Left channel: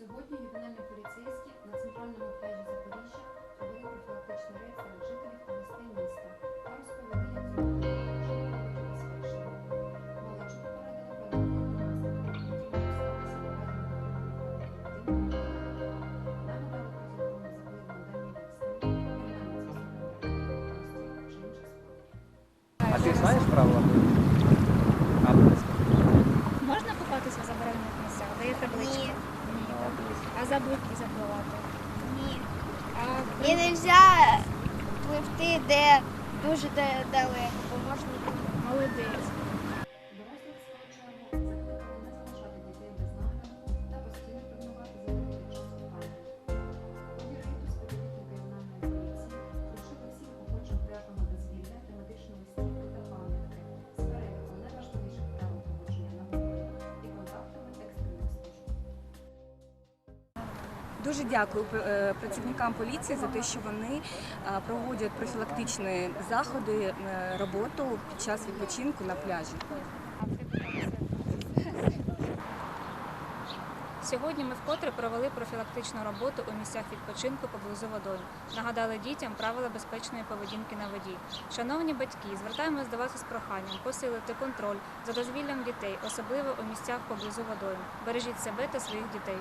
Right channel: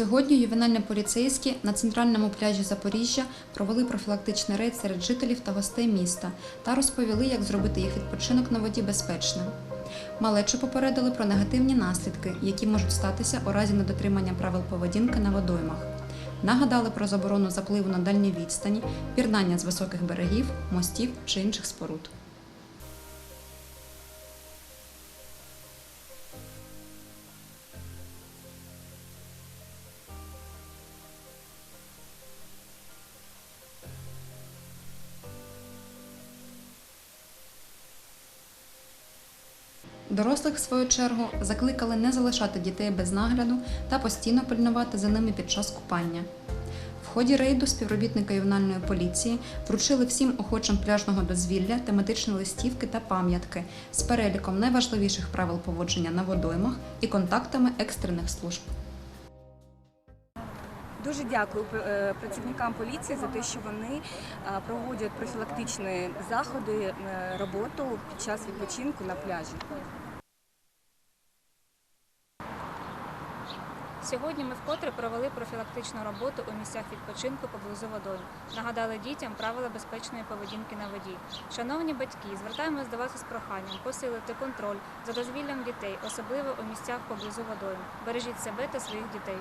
Сьогодні ювенальні поліцейські на центральному пляжі Запоріжжя провели профілактичний рейд серед жителів та гостей міста та розповіли, як зробити їх відпочинок на воді безпечним. Малечу попередили про негативні наслідки, які можуть статися у разі недотримання правил поведінки на водоймах. Нагадали про заборону запливу на дальній відстані, пірнання з високих берегів, мостів чи інших споруд. А ти знаєш правила? А, Можна купатися в заборонених місцях? Де є табличка? Ні. А забудки запливати? Ні. А І не можна пливти, де дуже да- далеко, бо можна молодець. Дорослих, в свою чергу, закликали не залишати дітей без нагляду та постійно пильнувати за ними під час купання. В ході рейду співробітники ювенальної поліції вручили всім охочим пляжного дозвілля тематичні листівки та пам'ятки з переліком найважливіших правил поводження на водоймах і контактами екстрених служб. Дуже дякую е, працівникам поліції за те, що вони проводять профілактичні заходи, е, роботу під час відпочинку на пляжі. Сьогодні ми вкотре провели профілактичну роботу у місцях відпочинку поблизу водойм. Нагадали дітям правила безпечної поведінки на воді. Шановні батьки, звертаємось до вас із проханням посилити контроль за дозвіллям дітей, особливо у місцях поблизу водойм. Бережіть себе та своїх дітей.